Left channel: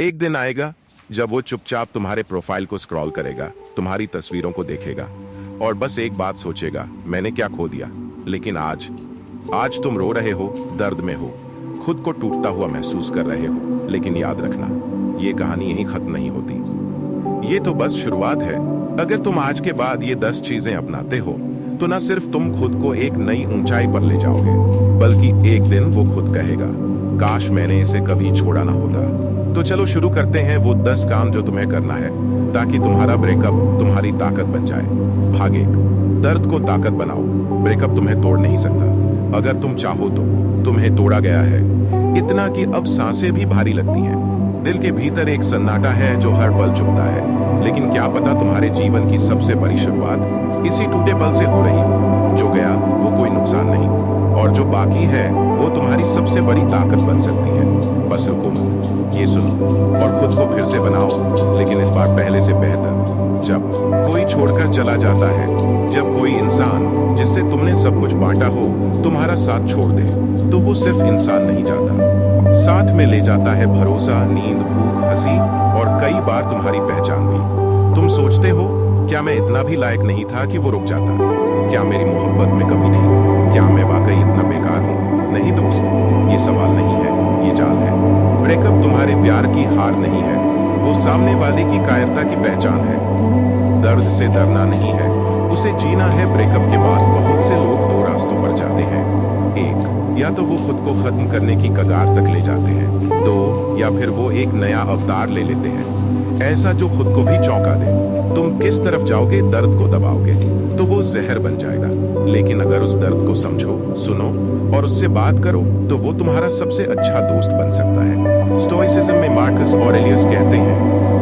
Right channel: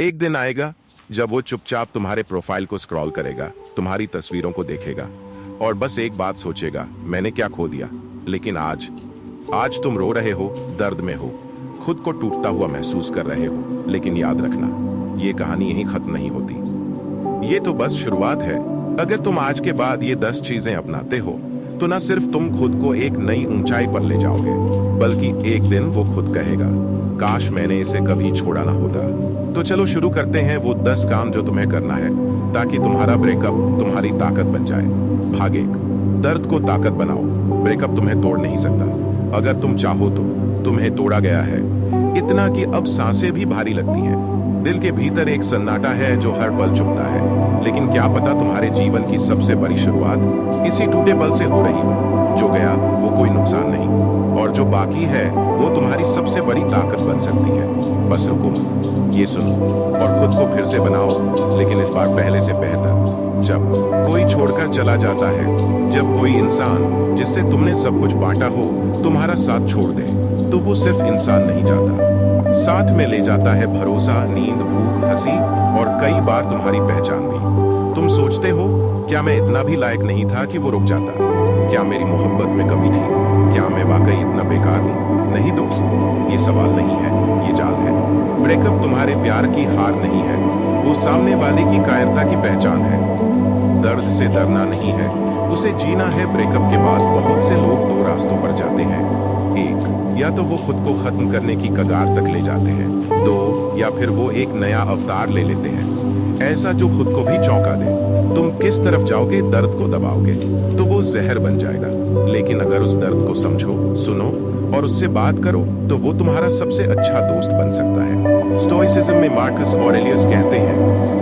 एक दिन आएगा जब वो चुपचाप तुम्हारे प्रोफाइल को स्क्रॉल करेगा, तुम्हारी तस्वीरों को देखेगा और बस एक बात सोचेगा, मैंने क्या खो दिया। लेकिन आज आज तुम रो रहे हो, दर्द में हो, खुद को टूटता हुआ महसूस कर रहे हो। लेकिन याद रखना, ये कहानी यहीं खत्म नहीं होती। ये तो बस शुरुआत है। अगर तुम आज के बाद ये 10 चीजें अपनाते हो तो न सिर्फ तुम खुद को एक नई ऊंचाई पर ले जाओगे, बल्कि एक दिन वो खुद कहेगा, काश मैंने इसे कभी छोड़ा ना होता। तो चलो शुरू करते हैं वो 10 काम जो तुम्हें करना है ताकि तुम्हारा ब्रेकअप तुम्हारी ताकत बन जाए। भाग 1, दर्द को ताकत बनाओ। ब्रेकअप तुम्हें तोड़ नहीं सकता। अगर तुम चाहो तो तुम्हें तोड़ा गया है, इतना कि अब सांसें भी भारी लगती हैं। दिल के भीतर एक सन्नाटा है जो हर पल चुभता है। लेकिन क्या पता तुम्हारे जीवन की सबसे बड़ी शुरुआत इसी टूटे पल से हो रही हो। जो गया वो कोई नुकसान नहीं, और जो बाकी है वो तुम्हारी सबसे बड़ी ताकत बन सकती है। बस रुको मत, ये सुनो और खुद को फिर से बनाओ, लेकिन इस बार पहले से बेहतर। जब कोई छोड़कर चला जाता है, जब कोई इंसान जिससे तुमने सब कुछ बांटा हो तुम्हारा साथ छोड़ दे, तो वो सिर्फ इंसान नहीं जाता, साथ में ले जाता है भरोसा, नींद, भूख, हंसी और कई बार तुम्हारी पहचान भी। तुम सोचते हो, क्या मैं इतना भी लायक नहीं था कि वो रुक जाता? क्या मेरी मोहब्बत में कमी थी? क्या मैं वाकई इतना बेकार हूँ? नहीं दोस्त, ये सवाल नहीं है, ये जाल है। ब्रेकअप तुम्हारे प्यार की हार नहीं है, वो सामने वाले की कायरता की पहचान है। दर्द से डरना नहीं है, उसे जीना है। ब्रेकअप के बाद बहुत से लोग 2 रास्तों पर जाते हैं। 1, या तो वो खुद को खत्म करने की कगार तक ले जाते हैं। 2, या फिर वो एक नया अवतार ले लेते हैं, ऐसा जो खुद को भी चौंका दे। तुम किस तरफ जाओगे? दर्द को दबाओगे तो वो जहर बन जाएगा, लेकिन अगर उस दर्द को समझो, सुनो और उससे बात करो तो वो तुम्हारा सबसे अच्छा दोस्त बन सकता है। स्टोइसिज्म में मार्कस ऑरेलियस कहते हैं,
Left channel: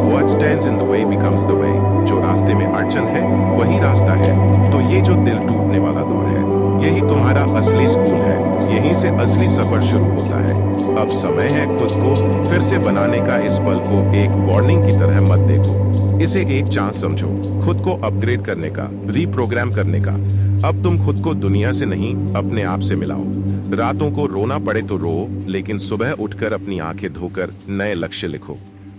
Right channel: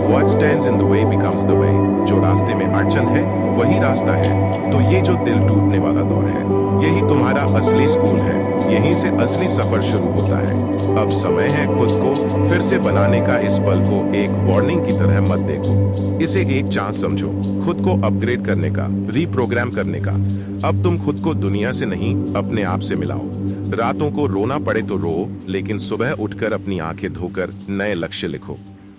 What stands in the way becomes the way। जो रास्ते में अड़चन है वही रास्ता है। तो ये जो दिल टूटने वाला दौर है, यही तुम्हारा असली स्कूल है। यहीं से असली सफर शुरू होता है। अब समय है खुद को फिर से बनाने का। इस पल को एक वार्निंग की तरह मत देखो, इसे एक चांस समझो, खुद को अपग्रेड करने का, रीप्रोग्राम करने का। अब तुम खुद को दुनिया से नहीं, अपने आप से मिलाओ। रातों को रोना पड़े तो रो, लेकिन सुबह उठकर अपनी आंखें धोकर नए लक्ष्य लिखो।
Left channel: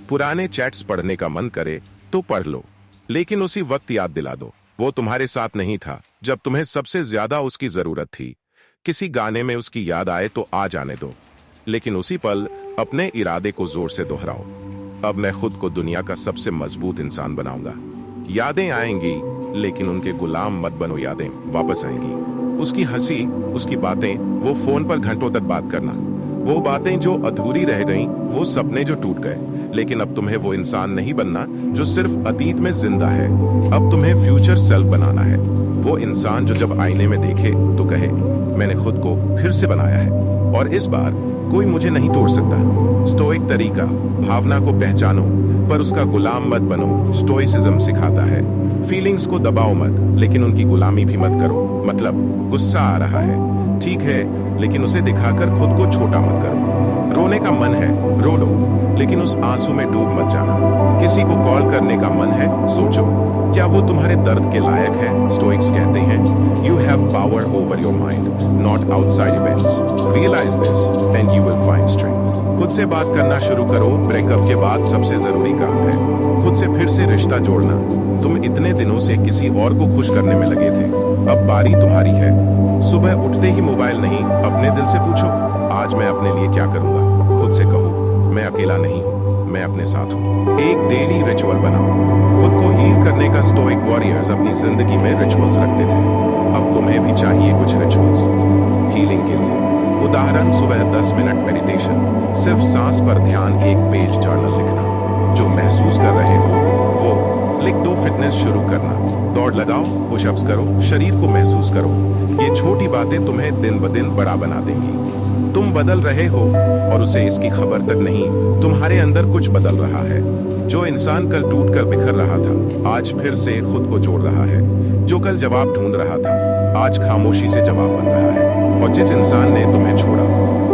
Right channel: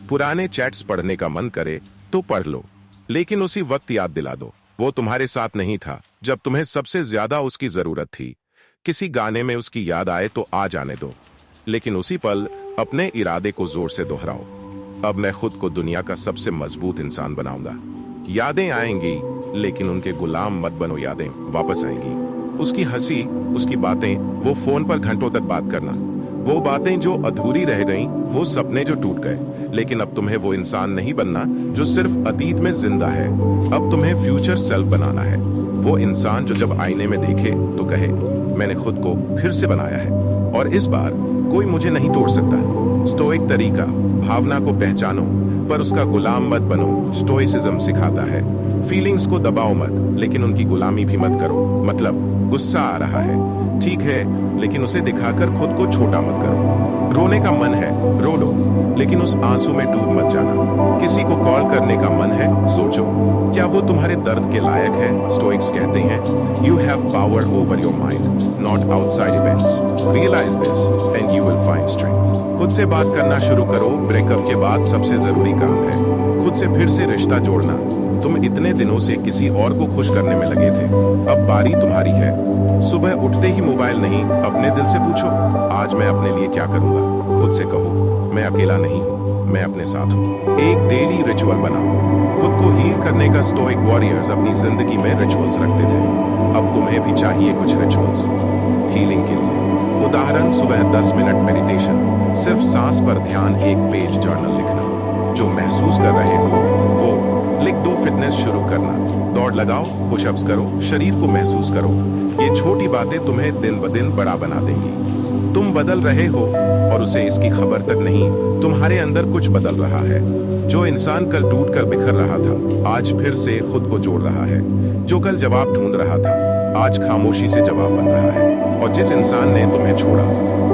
पुराने चैट्स पढ़ने का मन करे तो पढ़ लो, लेकिन उसी वक्त याद दिला दो, वो तुम्हारे साथ नहीं था जब तुम्हें सबसे ज्यादा उसकी जरूरत थी। किसी गाने में उसकी याद आए तो आ जाने दो, लेकिन उसी पल अपने इरादे को जोर से दोहराओ। अब मैं खुद को दुनिया का सबसे मजबूत इंसान बनाऊंगा। यादें आएंगी, लेकिन उनके गुलाम मत बनो। यादें वापस आएंगी। उसकी हंसी, उसकी बातें, वो फोन पर घंटों तक बात करना, वो बातें जो अधूरी रह गईं, वो सपने जो टूट गए। लेकिन अब तुम्हें वो इंसान नहीं बनना जो सिर्फ अतीत में जिंदा है। अब तुम्हें फ्यूचर सेल्फ बनाना है। वो इंसान जो जब आईने में देखे तो कहे, मैंने खुद को फिर से बनाया है और इस बार कोई मुझे नहीं तोड़ सकता। स्टोइक तरीका, भावना को पहचानो पर उसका गुलाम मत बनो। स्टोइसिज्म सिखाता है, फीलिंग्स को दबाओ मत, लेकिन उनकी गुलामी भी मत करो। मतलब गुस्सा आ रहा है, ठीक है, लेकिन उसे दिखाकर खुद को छोटा मत करो। रोने का मन है, रो लो, लेकिन उस आंसू में डूब मत जाना। किसी को कॉल करने का मन है, सोचो, क्या वो तुम्हारे दर्द के लायक है? स्टोइक्स कहते हैं, you have power over your mind, not outside events. Realise this and you will find strength. खुद से बात करना शुरू करो। ब्रेकअप के बाद सबसे जरूरी काम है खुद से फिर से रिश्ता जोड़ना। तुम इतने दिनों से किसी और को खुश करने में लगे थे, अब बारी तुम्हारी है। सुबह उठते ही मोबाइल नहीं, अपने दिल से पूछो, आज मैं अपने लिए क्या करूंगा? खुद से कहो, मैं अकेला नहीं हूँ, मैं अपने साथ हूँ। एक डेली रिचुअल बनाओ। खुद को हील करने का स्टोइक वॉरियर्स अपनी जिंदगी में रिचुअल्स रखते थे। अब तुम्हें भी चाहिए कुछ रिचुअल्स हीलिंग के लिए। उदाहरण, सुबह 10 मिनट मेडिटेशन, सिर्फ सांस पर ध्यान, एक पेज जर्नल लिखना। जो महसूस कर रहे हो वो लिख दो। फिटनेस शुरू करना, दौड़ लगाओ, पुशअप्स करो, शरीर को महसूस करो। ये छोटी बातें तुम्हें दिन ब दिन बड़ा बना देंगी। तुम बदल रहे हो और उसे इसकी खबर तक नहीं। तुम्हारे अंदर कुछ बदल रहा है। जो इंसान कल टूट कर बिखर रहा था, आज फिर से खुद को जोड़ रहा है। जो कल जवाब ढूंढ रहा था, आज खामोशी से जवाब बन रहा है। और जिस इंसान ने तुम्हें छोड़ा,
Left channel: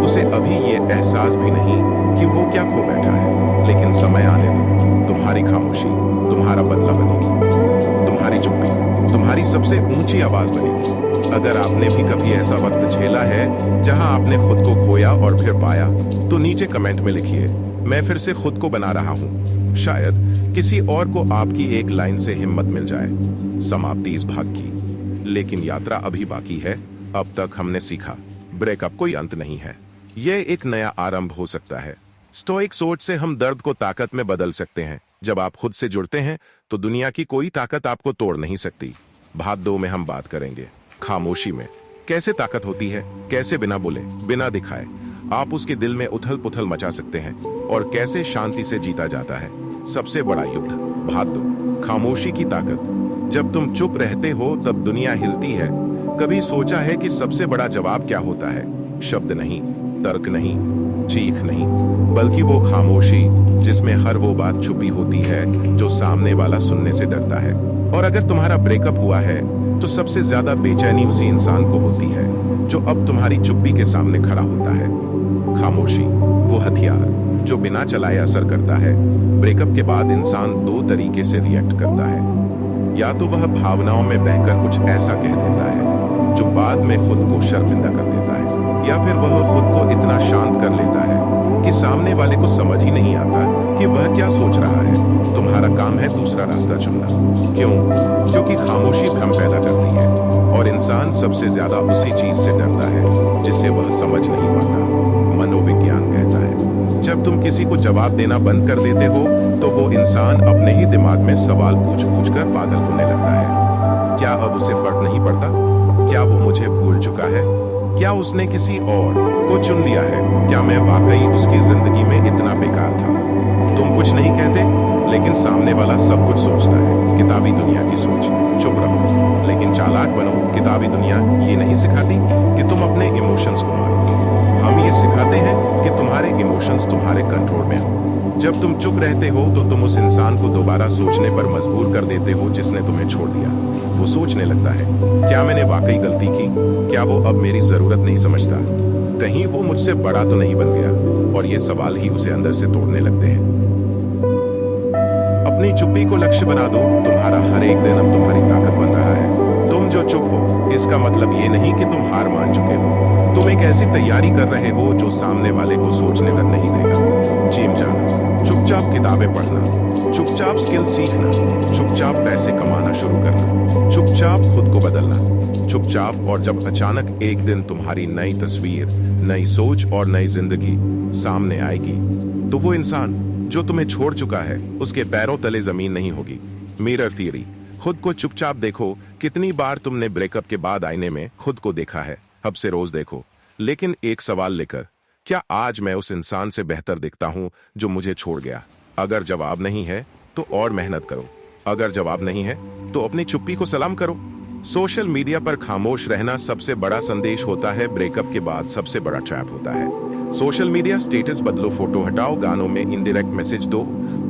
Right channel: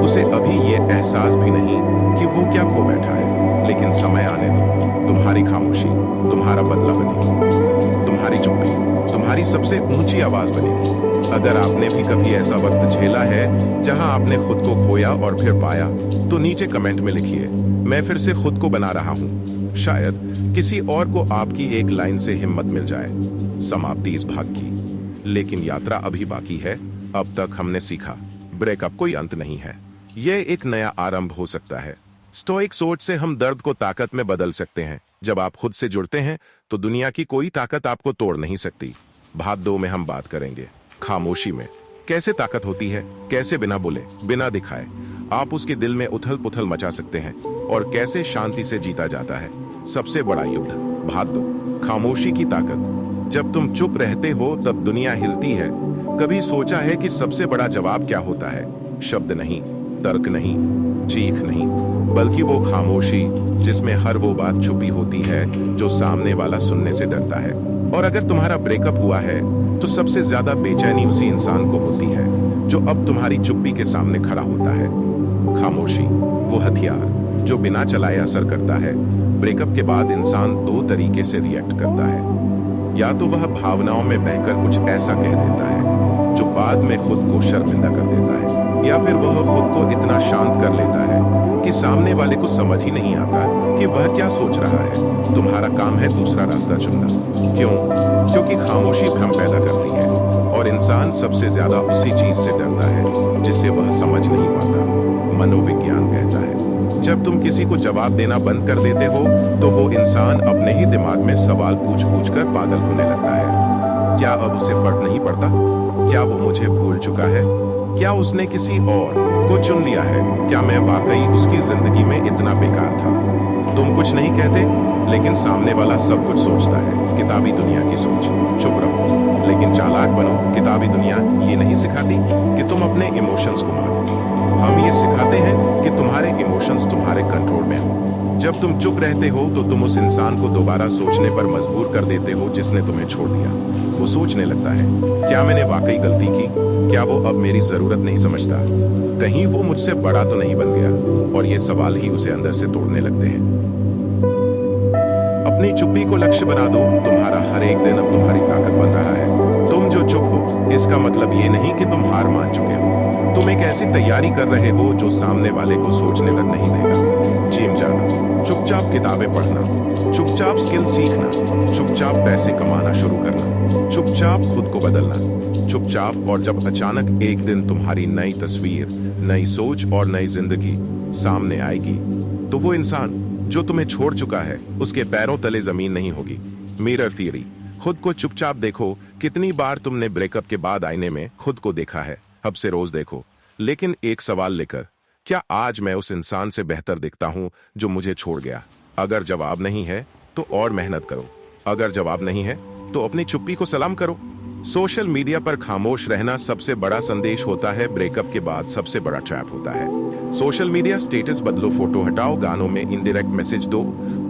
उसे अभी ये एहसास भी नहीं कि वो क्या खो बैठा है। लेकिन समय आने दो, तुम्हारी खामोशी तुम्हारा बदला बनेगी। तुम्हारी चुप्पी तुम्हारी सबसे ऊंची आवाज बनेगी। अगर आपने भी कभी ऐसा वक्त झेला है जहां आपने खुद को खोया और फिर पाया, तो नीचे कमेंट में लिखिए, मैं फिर से खुद को बना रहा हूं। शायद किसी और को आपकी एक लाइन से हिम्मत मिल जाए। समाप्ति इस भाग की, लेकिन यात्रा अभी बाकी है। अब तक हमने सीखा, ब्रेकअप कोई अंत नहीं है, यह एक नया आरंभ हो सकता है। स्टोइक सोच से हम दर्द को ताकत में बदल सकते हैं। जब आप खुद से जुड़ते हैं तो दुनिया की कोई ताकत आपको तोड़ नहीं सकती। भाग 2 में हम बात करेंगे खामोशी में कैसे ताकत होती है, कैसे बिना बोले, बिना दिखाए आप उसके दिल में उथल पुथल मचा सकते हैं, और कैसे शांति से जीता जाता है सबसे बड़ा युद्ध। भाग 2 खामोशी की ताकत। जब तुम चुप रहते हो तब दुनिया हिलती है। कभी सोचा है कि सबसे बड़ा जवाब क्या होता है? शब्द नहीं, तर्क नहीं, चीख नहीं, बल्कि वो खामोशी जिसमें हर वो बात छुपी होती है जो सामने वाला सुनने से डरता है। और अगर तुम्हारा ब्रेकअप हुआ है तो सबसे ज्यादा बेचैनी उसी इंसान को होती है जो अब तुम्हारी चुप्पी के सामने खड़ा होता है। खामोशी वो हथियार जो बिना चलाए असर करता है। ब्रेकअप के बाद इंसान 2 तरीके से रिएक्ट करता है। या तो वह भावनाओं में बहकर कुछ ऐसा कह देता है जो बाद में खुद को शर्मिंदा कर देता है, या फिर वह खुद को इतना शांत कर लेता है कि सामने वाले को समझ ही नहीं आता कि वह क्या सोच रहा है। तुम्हारा काम है दूसरा रास्ता चुनना। क्यों? क्योंकि खामोशी भ्रम पैदा करती है, और इंसान सबसे ज्यादा उसी चीज से डरता है जिसे वह समझ नहीं पाता। मनोविज्ञान कहता है जब तुम किसी को जवाब देना बंद कर देते हो तो वो इंसान अपने ही दिमाग में सवाल पूछ पूछ कर पागल होने लगता है। क्या अब उसे फर्क नहीं पड़ता? क्या वो मुझे भूल चुका है? क्या उसने किसी और को चुन लिया है? क्या मैं वाकई उसकी जिंदगी में इतना बेकार था? तुम कुछ नहीं कहते, लेकिन सामने वाला सब कुछ सोचता है। किताबी दुनिया की सोच। चुप रहो लेकिन चालाक बनो। किताबी दुनिया ये नहीं सिखाती कि तुम अपने इमोशंस को मारो। हम ये सिखाते हैं कि तुम्हारे इमोशंस तुम्हारे कंट्रोल में हो। जब तुम चुप रहते हो तो तुम उस इंसान को दोबारा सोचने पर मजबूर कर देते हो जिसने तुम्हें छोड़ दिया। वो सोचने लगता है, क्या मैंने वाकई गलती की? क्या वो अब मेरी जरूरत नहीं समझता? कहीं वो मुझसे बड़ा तो नहीं बन गया? और ये सवाल ही उसे अंदर से तोड़ने लगते हैं। अपनी चुप्पी को लक्ष्य बना दो। तुम्हारा हर एक दिन अब तुम्हारी ताकत बन रहा है। तुम जो चुप हो इसका मतलब ये नहीं कि तुम हार मान चुके हो। तुम एक ऐसी तैयारी कर रहे हो जो सामने वाले को सोचने तक नहीं देगा। जिम जाना, चुपचाप किताबें पढ़ना, चुपचाप स्किल सीखना, चुपचाप पैसे कमाना शुरू करना, चुपचाप खुद को बदलना, चुपचाप। और जब अचानक एक दिन तुम्हारी नई तस्वीर, नई सोच और नई जिंदगी सामने आएगी तो वो इंसान जो तुम्हें छोड़ चुका है उसके पैरों तले जमीन नहीं होगी। Mirror theory. खुद को चुपचाप देखो। कितनी बार तुमने ब्रेकअप के बाद आईने में खुद को देखा है? अब से रोज देखो, लेकिन एक सवाल लेकर, क्या आज मैं उस इंसान से बेहतर दिखता हूं जो मुझे छोड़ गया? अगर जवाब नहीं है तो और मेहनत करो। अगर जवाब नहीं है तो अपनी चुप्पी को सलाम करो। सोशल मीडिया पर खामोश रहना सबसे बड़ा संदेश होता है। ब्रेकअप के बाद सबसे बड़ा ट्रैप होता है। सोशल मीडिया स्टेटस बदलो, फोटो हटाओ, गानों में इनडायरेक्ट मैसेज दो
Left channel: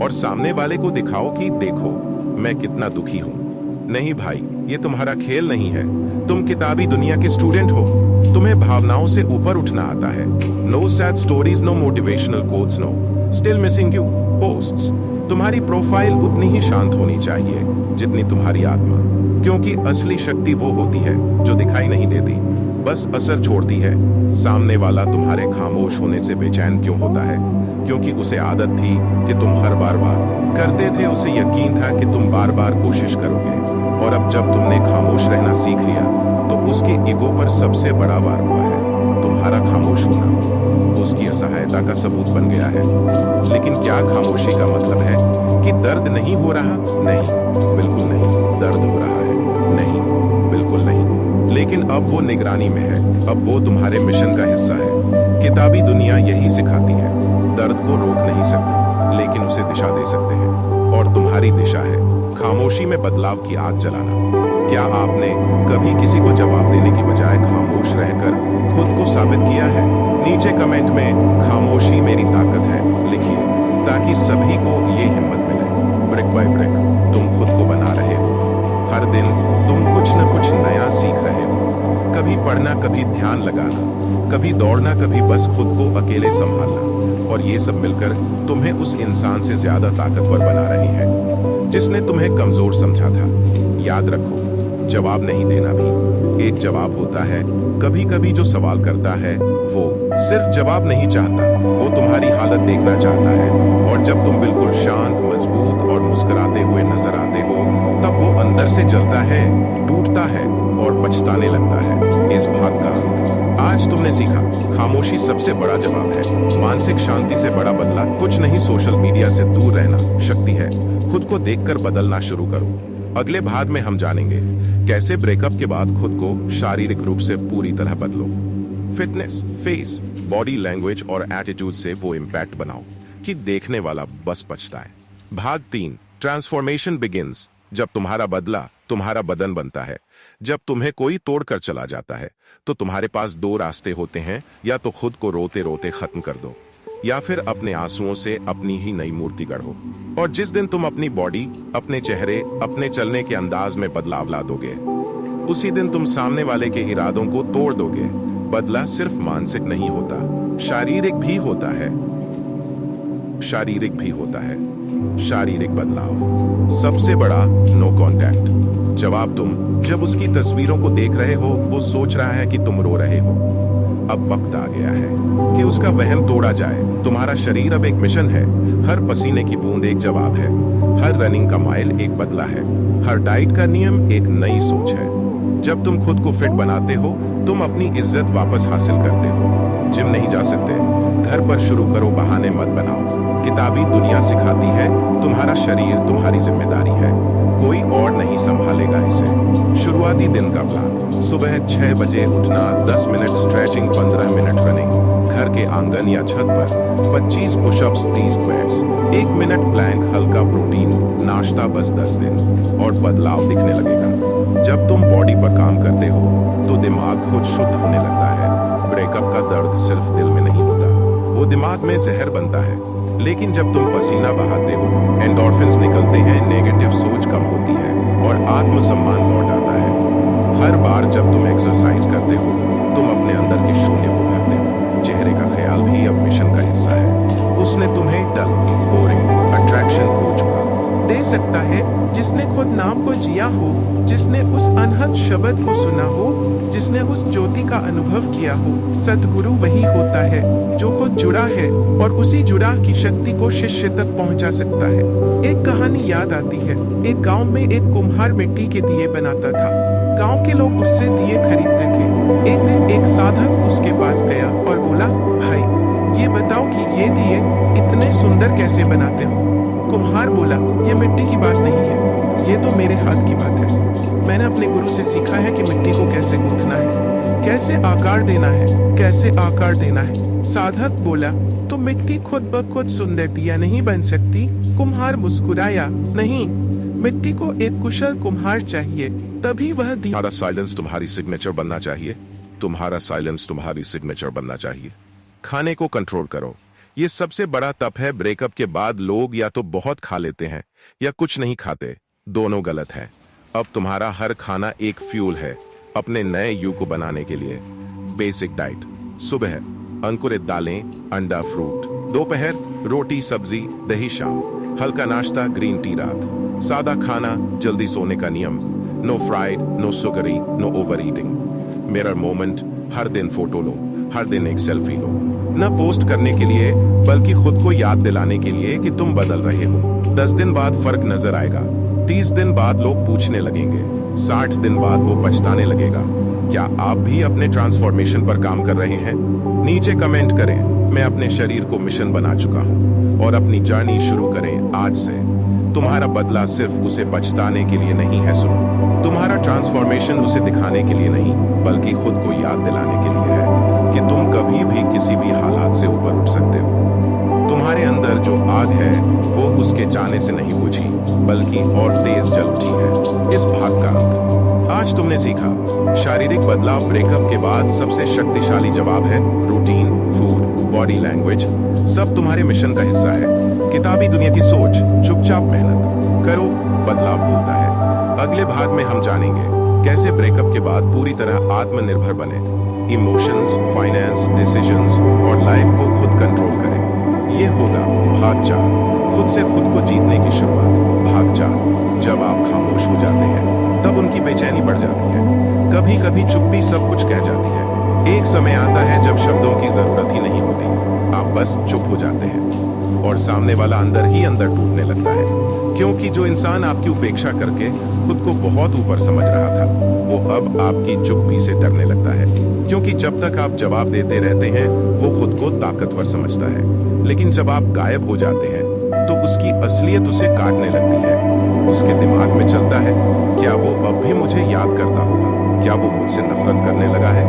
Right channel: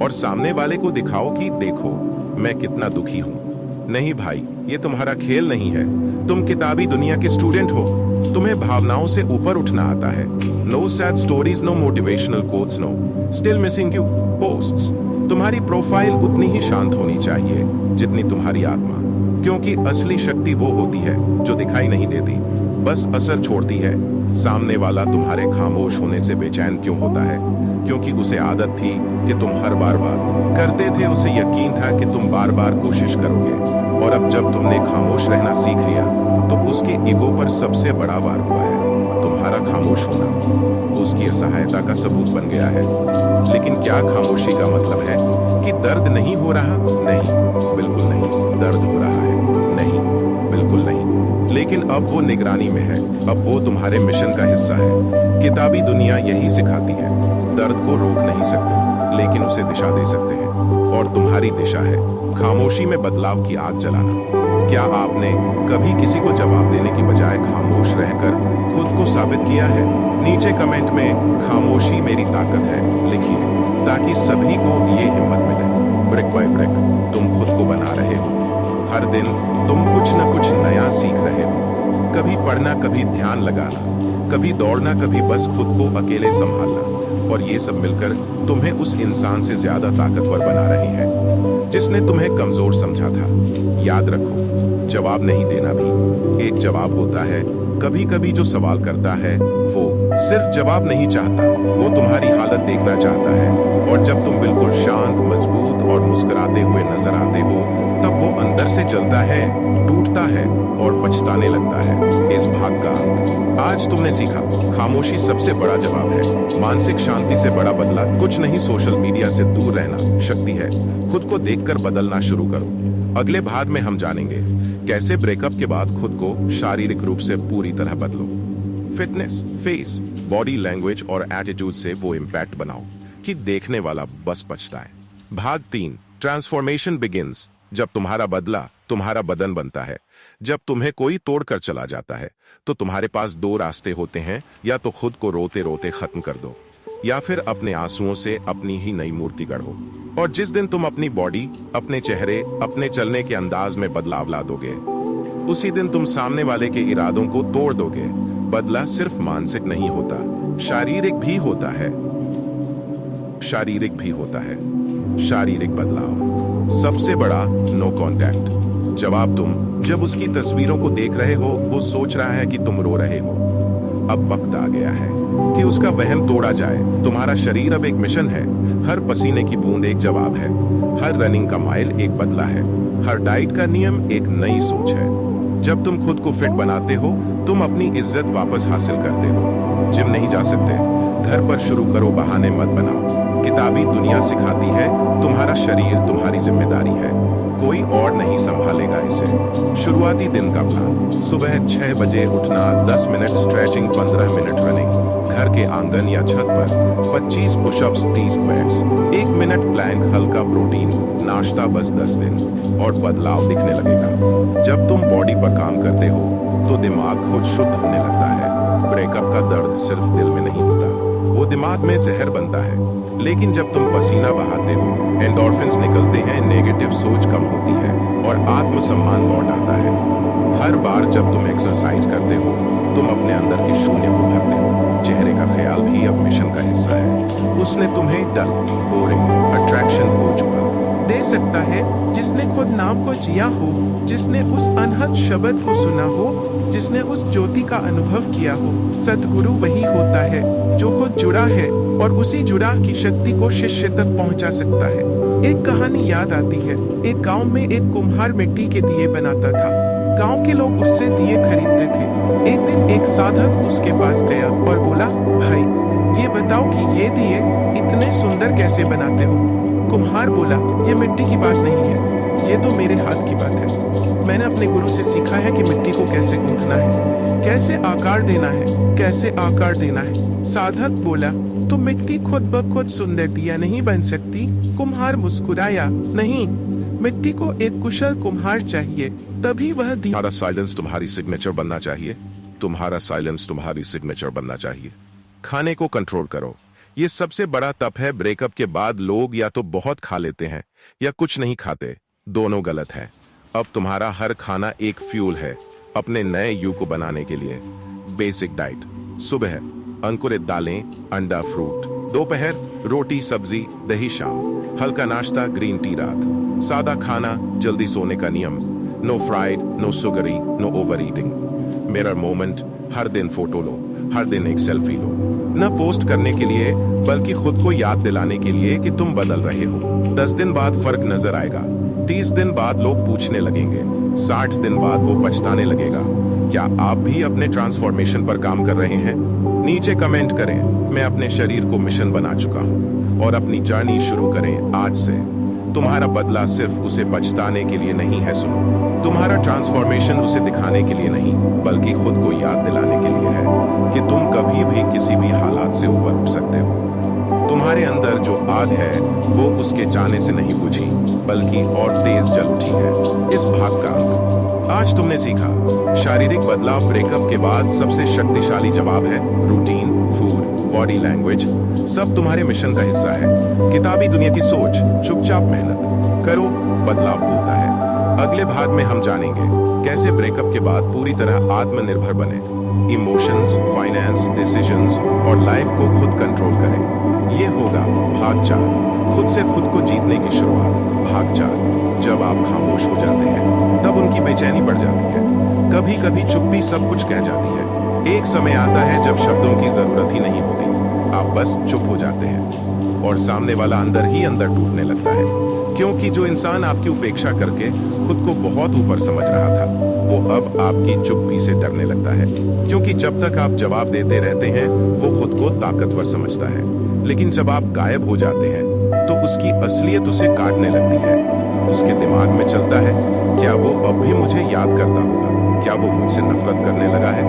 और सामने वाले को दिखाओ कि देखो मैं कितना दुखी हूं। नहीं भाई, ये तुम्हारा खेल नहीं है। तुम किताबी दुनिया के स्टूडेंट हो। तुम्हें भावनाओं से ऊपर उठना आता है। No sad stories, no motivational quotes, no still missing you posts. तुम्हारी प्रोफाइल उतनी ही शांत होनी चाहिए जितनी तुम्हारी आत्मा, क्योंकि असली शक्ति वो होती है जो दिखाई नहीं देती, बस असर छोड़ती है। सामने वाला तुम्हारे खामोश होने से बेचैन क्यों होता है? क्योंकि उसे आदत थी कि तुम हर बार बात करते थे। उसे यकीन था कि तुम बार बार कोशिश करोगे, और अब जब तुमने खामोश रहना सीख लिया तो उसके ईगो पर सबसे बड़ा वार हुआ है। तुम्हारा खामोश होना उसकी असहायता का सबूत बन गया है। लेकिन क्या खामोशी का मतलब है कि दर्द नहीं हो रहा? नहीं, बिल्कुल नहीं। दर्द हो रहा है? नहीं, बिल्कुल नहीं। लेकिन अब वो निगरानी में है। अब वो तुम्हारे मिशन का हिस्सा है। किताबी दुनिया यही सिखाती है, दर्द को रोक नहीं सकते लेकिन उसे दिशा दे सकते हैं, और तुम्हारी दिशा है खामोशी में बदलाव की आग जलाना। क्या आपने कभी किसी को जवाब देने की बजाय खामोश रहकर खुद को साबित किया है? नीचे कमेंट में खामोशी मेरी ताकत है लिखिए, ताकि सभी को ये हिम्मत मिले। ब्रेक बाय ब्रेक तुम खुद को बना रहे हो। हर दिन तुम कुछ न कुछ नया सीख रहे हो। कभी पढ़ना, कभी ध्यान लगाना, कभी दौड़ना, कभी बस खुद को अकेले संभालना, और ये सब मिलकर तुम्हें उस इंसान से ज्यादा ताकतवर बना रही है जिसने तुम्हें कमजोर समझा था। याद रखो, जवाब नहीं देना भी एक जवाब होता है। कभी कभी जो सवाल करता है वो सिर्फ जवाब नहीं चाहता, वो तुम्हारी हालत देखना चाहता है। और जब तुम बिल्कुल शांत, मजबूत और मुस्कुराते हुए नजर आते हो, तब वो अंदर से जलता है, टूटता है और पछताने लगता है। इस भाग का अंत। आज तुमने सीखा, खामोशी सबसे बड़ा जवाब है। मानसिक शांति से बड़ा बदला कुछ नहीं। सोशल मीडिया से दूर रहना शक्ति है। खुद को देखकर बदलना शुरू करो। अगले भाग में हम जानेंगे कैसे ब्रेकअप के बाद खुद को शारीरिक रूप से पूरी तरह बदलो। फिटनेस, फेस, बॉडी लैंग्वेज और एटीट्यूड से वो इम्पैक्ट बनाओ कि देखने वाला बस पछता है। भाग 3, ट्रांसफॉर्मेशन बिगिंस। जब तुम्हारा बदला तुम्हारा बदन बनता है। जब तुम्हें कोई तोड़कर चला जाता है तो तुम्हारे पास दो रास्ते होते हैं, या तो खुद को रोते रोते खत्म कर दो, या फिर अपने आंसुओं से अपनी ही नई मूर्ति गढ़ो। और जिस दिन तुम अपनी बॉडी, अपने चेहरे, अपने चलने के अंदाज में बदलाव ला दोगे, उसी दिन तुम सामने वाले के इरादों को तोड़ दोगे। बदला सिर्फ मानसिक नहीं होता, शारीरिक भी होता है। शारीरिक भी होता है। शारीरिक बदलाव सबसे बड़ा, नो कांटेक्ट। जवाब तुम जब उसकी तस्वीरों को देख रहे हो, वो सोच रहा है कि तुम रो रहे हो। अब वक्त आ गया है कि उसका वहम तोड़ा जाए। तुम्हारा शरीर अब एक मिशन है। हर पसीने की बूंद एक जवाब है। हर रनिंग का माइल एक बदला है। हर डाइट का नियम एक नई सोच है। जब तुम खुद को फिट बनाते हो, तुम अपनी इज्जत वापस हासिल करते हो। जिम नहीं जा सकते, घर पर शुरू करो, बहाने मत बनाओ। किताबी दुनिया सिखाती है तुम्हारा शरीर तुम्हारी जिम्मेदारी है, कोई और नहीं संभालेगा इसे। शुरुआती दिन का प्लान, सुबह 6 बजे उठना, 10 मिनट स्ट्रेचिंग, 15 मिनट रनिंग, घर के आंगन या छत पर 25 पुशअप्स, 30 स्क्वाट्स, 1 मिनट प्लैंक, हल्का प्रोटीन नाश्ता, बस 10 दिन और बदलाव दिखने लगेगा। जब तुम बॉडी पर काम करते हो तो दिमाग खुद शुद्ध होने लगता है। ब्रेकअप का दर्द सिर्फ दिल में नहीं होता, वो दिमाग में जहर बनता है। लेकिन जब तुम पसीना बहाते हो, एंडोर्फिन्स निकलते हैं, नेगेटिव सोच कम होती है और आत्मसम्मान लौट आता है। हर बार जब तुम एक्सरसाइज करते हो, तुम अपने अंदर के शून्य को भरते हो। चेहरे का ख्याल भी अब मिशन का हिस्सा है। उसने तुम्हें डल, बोरिंग, अट्रैक्शन हो चुका दे सकता है, जिसने खुद नाम को जिया हो, जिसने उस अनहद शब्द को सुना हो, जिसने उस ज्योति का अनुभव किया हो। सतगुरु वही होता है जो खुद जुड़ा है और उसी जुड़ा की शक्ति को शिष्य तक पहुंचा सकता है। एक कहानी याद आती है। एक गांव में एक कुम्हार मिट्टी के दिए बनाता था। गांव के लोग उससे दिए खरीदते थे। एक दिन एक साधक उसके पास गया और बोला, भाई ये बताओ कि ये दिए इतने सुंदर कैसे बनाते हो? कुम्हार बोला, ये मिट्टी की बात नहीं है, ये तो मेरे हाथ की बात है। मैंने अपने गुरु से सीखा है कि मिट्टी को कैसे गूंथना है, कैसे आकार देना है, कैसे आकार देना है। साधक बोला, तो मिट्टी खुद ब खुद सुंदर दिया नहीं बन सकती? कुम्हार मुस्कुराया, नहीं, मिट्टी को एक कुशल कुम्हार चाहिए, तभी वह दिया। तुम्हारा साइलेंस तुम्हारी सिग्नेचर बनना चाहिए। तुम्हारा साइलेंस तुम्हारी सिग्नेचर बनना चाहिए। खाने को कंट्रोल करो। ये सबसे बड़ा तप है। ब्रेकअप के बाद लोग या तो बहुत खा लेते हैं या कुछ नहीं खाते। दोनों गलत है। अब तुम्हारा हर खाना एक फ्यूल है अपने नए यू को बनाने के लिए। बेसिक डाइट, सुबह अंकुरित दालें, अंडा, फ्रूट। दोपहर रोटी, सब्जी, दही। शाम हल्का नाश्ता, ग्रीन टी। रात सादा खाना, जल्दी सोने का नियम। No fried, no sugary, no over eating. Mirror moment, हर दिन फोटो लो, हर दिन एक सेल्फी लो। न पोस्ट करने के लिए बल्कि खुद को याद दिलाने के लिए कि तुम बदल रहे हो। 10 दिन बाद फर्क नजर आएगा। 30 दिन बाद लोग पूछने लगेंगे। 60 दिन बाद वो पछताने लगेगा। क्या आप भी अपने ट्रांसफॉर्मेशन पर काम कर रहे हैं? नीचे कमेंट करें, मैं अपने शरीर को मिशन बना चुका हूं, और अपनी जर्नी शुरू करें आज से। तुम्हारा बदला सिर्फ उसे पछताने के लिए नहीं है, सुनो, तुम्हारा ट्रांसफॉर्मेशन उसे दिखाने के लिए नहीं, बल्कि खुद को याद दिलाने के लिए है कि तुम कभी भी किसी भी हालात से ऊपर उठ सकते हो। तुम्हारे अंदर जो आग है वो उसके जाने से नहीं बुझी, बल्कि और तेज जल उठी है। इस भाग का अंत। आज तुमने सीखा, शारीरिक बदलाव ब्रेकअप के बाद सबसे शक्तिशाली जवाब है। रूटीन, फूड, बॉडी लैंग्वेज सब तुम्हारे मिशन का हिस्सा है। किताबी दुनिया की सोच, चुपचाप मेहनत करो, बदलाव होता है। अगले भाग में हम जानेंगे कैसे ब्रेकअप के बाद पूरी तरह आत्मनिर्भर बने, इमोशंस, फाइनेंस, डिसीजंस और लाइफ को खुद कंट्रोल करें। ये होगा भाग 4, खुद से खुद को जीतने की शुरुआत। भाग 4, जब आप खामोश हो जाते हैं तब उनकी बेचैनी बढ़ जाती है। कभी कभी चुप्पी सब कुछ कह जाती है। एक समय आता है जब शब्दों की जरूरत ही नहीं होती, आप बस चुप हो जाते हैं और सामने वाला अंदर ही अंदर टूटने लगता है, क्योंकि जो इंसान आपकी उपेक्षा करके खुद को बहुत ऊपर समझ रहा था, वो अब आपकी चुप्पी से डरने लगता है। क्योंकि जब तक आप जवाब देते रहते हैं, वो खुद को ताकतवर समझता है, लेकिन जब आप गायब हो जाते हैं तो उसकी असलियत उसे काटने लगती है। उसके दिमाग में चलता है, क्या वो अब भी मुझे याद करता होगा? क्या वो मुझसे नफरत करने लगा है?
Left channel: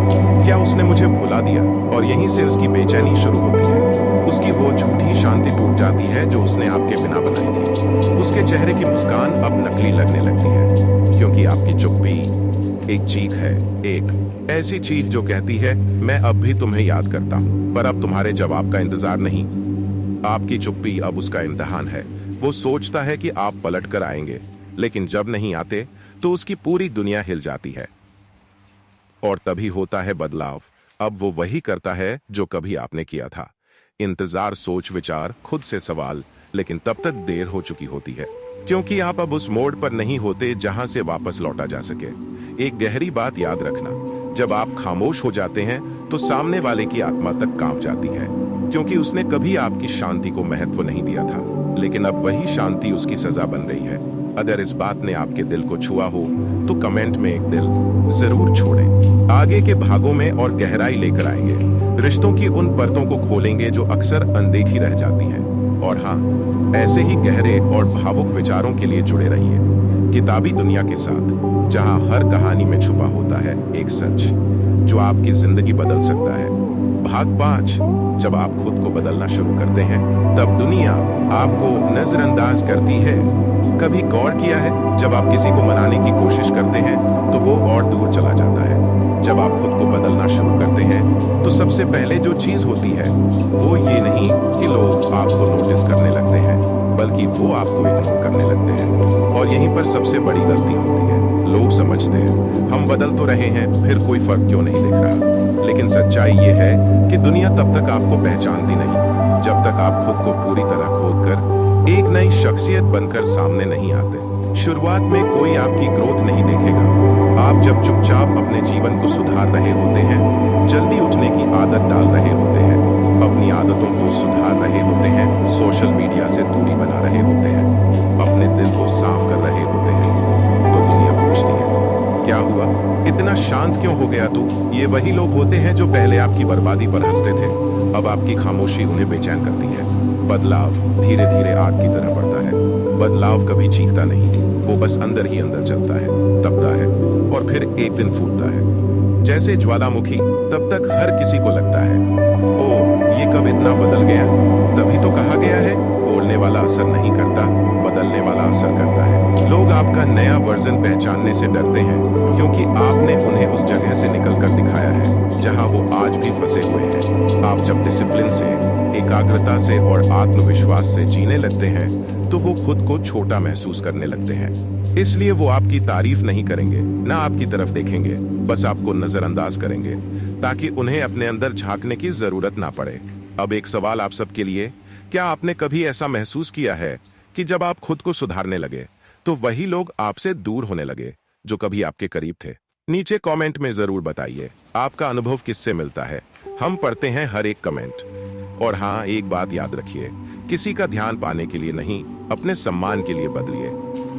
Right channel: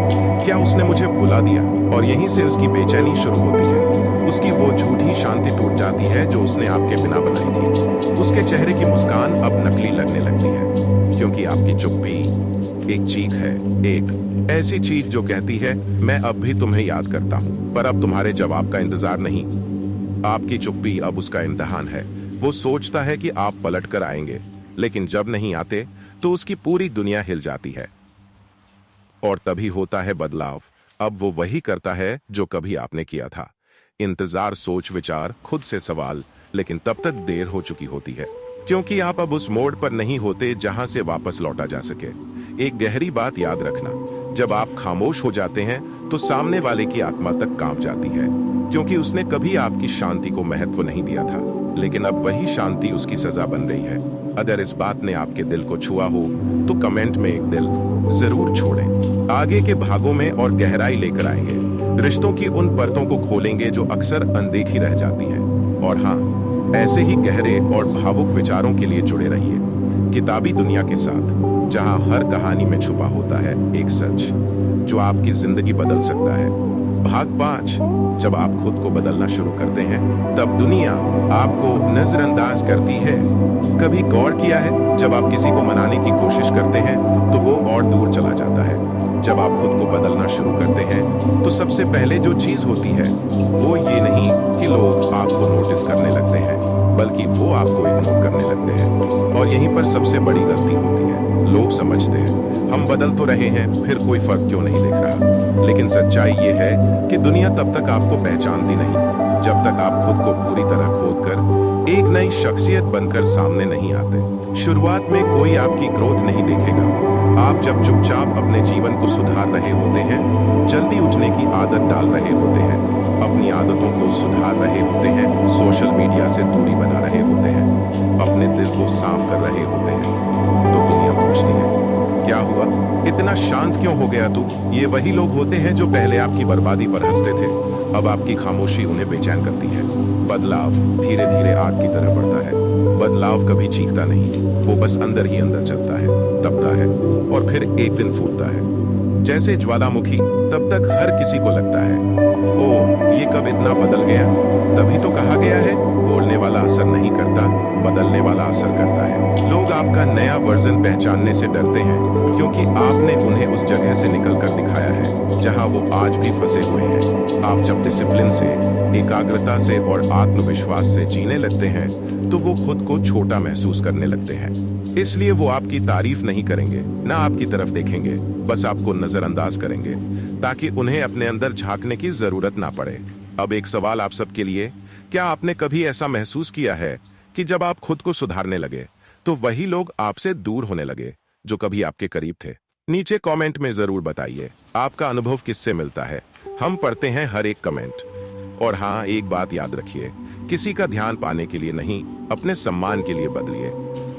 क्या उसने मुझे भुला दिया? और यहीं से उसकी बेचैनी शुरू होती है। उसकी वो झूठी शांति टूट जाती है जो उसने आपके बिना बनाई थी। उसके चेहरे की मुस्कान अब नकली लगने लगती है, क्योंकि आपकी चुप्पी एक चीख है, एक ऐसी चीख जो कहती है, मैं अब भी तुम्हें याद करता हूं, पर अब तुम्हारे जवाब का इंतजार नहीं। आपकी चुप्पी अब उसका इम्तिहान है। वो सोचता है कि आप पलट कर आएंगे, लेकिन जब नहीं आते तो उसकी पूरी दुनिया हिल जाती है। और तभी होता है बदलाव। अब वो वही करता है जो कभी आपने किया था। इंतजार, सोच विचार, खुद से सवाल, लेकिन तब तक देर हो चुकी होती है, क्योंकि आप अब उस मोड़ पर नहीं होते जहां से वापस लौटा जा सके। एक गहरी बात याद रखना, जब आप खामोश हो जाते हैं तो सामने वाले की आत्मा तक कांप जाती है, क्योंकि उसने कभी आपकी शांति को महत्व नहीं दिया था, लेकिन अब वही शांति उसकी सजा बन गई है। अगर इस बात ने आपके दिल को छुआ हो तो कमेंट में एक दिल जरूर छोड़ें। आगे के भागों में और गहराई लेकर आएंगे, रिश्तों की उन परतों को खोलेंगे जो अक्सर अनदेखी रह जाती हैं। और हाँ, ऐसे ही गहरे और भावुक विचारों के लिए जुड़े रहिए किताबी दुनिया के साथ, जहां हर कहानी में छुपा होता है एक सच जो आपकी जिंदगी बदल सकता है। भाग 5, जब आप खुद को बदलना शुरू करते हैं तब दुनिया आपको नजरअंदाज करती है। कभी गौर किया है, जब आप किसी को मनाने की कोशिश करते हैं तो वो और दूर चला जाता है। जब आप खुद को बदलना शुरू करते हैं तो सबसे पहले जो चीज होती है वो ये नहीं कि लोग आपको नोटिस करने लगते हैं, बल्कि वो आपको इग्नोर करने लगते हैं। और यहीं पर सबसे बड़ी गलती होती है। लोग समझते हैं हम बदल तो रहे हैं, फिर कोई फर्क क्यों नहीं दिख रहा। लेकिन सच्चाई ये है कि दुनिया तब तक आपको पहचानती नहीं जब तक आप खुद को पूरी तरह खोदकर एक नई शख्सियत बनकर सामने नहीं आते। शुरुआत में कोई आपकी ग्रोथ नहीं देखेगा। आप जब चुपचाप अपने जीवन को सुधार रहे होते हैं, जल्दी उठने की आदत डाल रहे होते हैं, अपनी आदतों को सुधार रहे होते हैं, सोशल मीडिया से दूरी बना रहे होते हैं, अपने दिल को साफ कर रहे होते हैं, तो दुनिया पूछती है, क्या हुआ, इतना शांत क्यों हो गया तू? ये वही लोग होते हैं जो पहले आपकी बर्बादी पर हंसते थे, अब आपकी खामोशी उन्हें बेचैन करती है। बदलाव धीरे धीरे आग की तरह बढ़ता है। बदलाव कभी चीखता नहीं, वो बस अंदर ही अंदर चलता है, तपता है और फिर एक दिन फूटता है जैसे ज्वालामुखी। तब तक हर किसी को लगता है, ओ ये कब इतना बदल गया? तभी तो कहा गया है, बोलने वाला असर नहीं करता, बदलने वाला असर करता है। लोग आपका नया वर्जन पहचानने से डरते हैं, क्योंकि आपने उन्हें उस जगह से निकलकर दिखाया है जहां वो आज भी फंसे हुए हैं। आप जब डिसिप्लिन से, एकाग्रता से और आत्मविश्वास से जीने लगते हैं तो वो खुद को छोटा महसूस करने लगते हैं। इसलिए वो आपकी तारीफ नहीं करेंगे, ना आपकी तरफ देखेंगे, बस आपको नजरअंदाज करेंगे, ताकि उन्हें अपने अंदर झांकने की जरूरत ना पड़े। अब एक सवाल आप सबके लिए, क्या आपने कभी ऐसा महसूस किया है कि जब आप खुद को सुधारने लगे तो वही लोग आपसे दूर होने लगे जो कभी आपके करीब थे? नीचे कमेंट में जरूर बताइए आपका अनुभव किससे मिलता है। हम पढ़ते हैं हर एक कमेंट। और हाँ, एक बात याद रखिए, किसी का ध्यान पाने के लिए नहीं, अपने सम्मान के लिए बदलिए।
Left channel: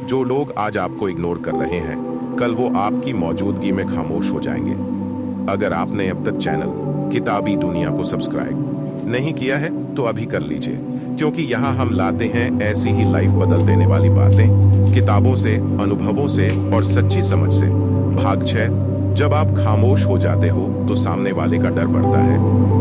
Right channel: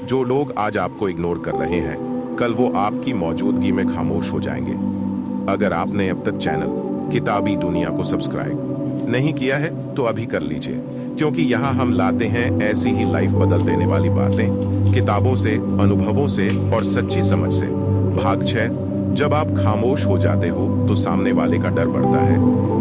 जो लोग आज आपको इग्नोर कर रहे हैं, कल वो आपकी मौजूदगी में खामोश हो जाएंगे। अगर आपने अब तक चैनल किताबी दुनिया को सब्सक्राइब नहीं किया है तो अभी कर लीजिए, क्योंकि यहाँ हम लाते हैं ऐसी ही लाइफ बदल देने वाली बातें, किताबों से, अनुभवों से और सच्ची समझ से। भाग 6, जब आप खामोश हो जाते हो तो सामने वाले का डर बढ़ता है।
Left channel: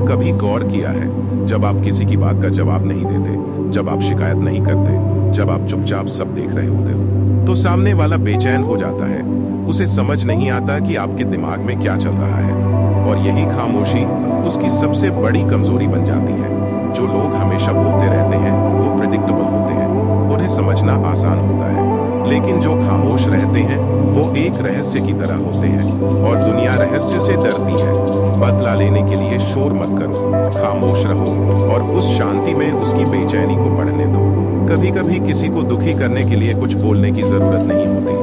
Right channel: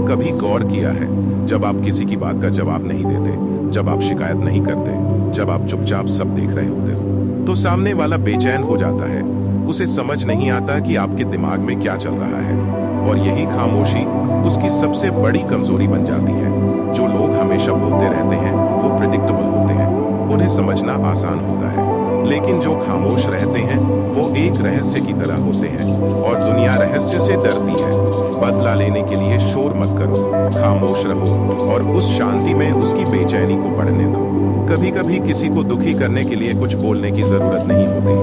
कभी गौर किया है, जब आप किसी की बात का जवाब नहीं देते, जब आप शिकायत नहीं करते, जब आप चुपचाप सब देख रहे होते हो, तो सामने वाला बेचैन हो जाता है। उसे समझ नहीं आता कि आपके दिमाग में क्या चल रहा है, और यही खामोशी उसकी सबसे बड़ी कमजोरी बन जाती है। जो लोग हमेशा बोलते रहते हैं वो प्रिडिक्टेबल होते हैं, उन्हें समझना आसान होता है, लेकिन जो खामोश रहते हैं वो एक रहस्य की तरह होते हैं, और दुनिया रहस्य से डरती है। बदला लेने के लिए शोर मत करो, खामोश रहो और उस शांति में उसकी बेचैनी को पढ़ने दो। कभी कभी किसी को दुखी करने के लिए कुछ बोलने की जरूरत नहीं होती,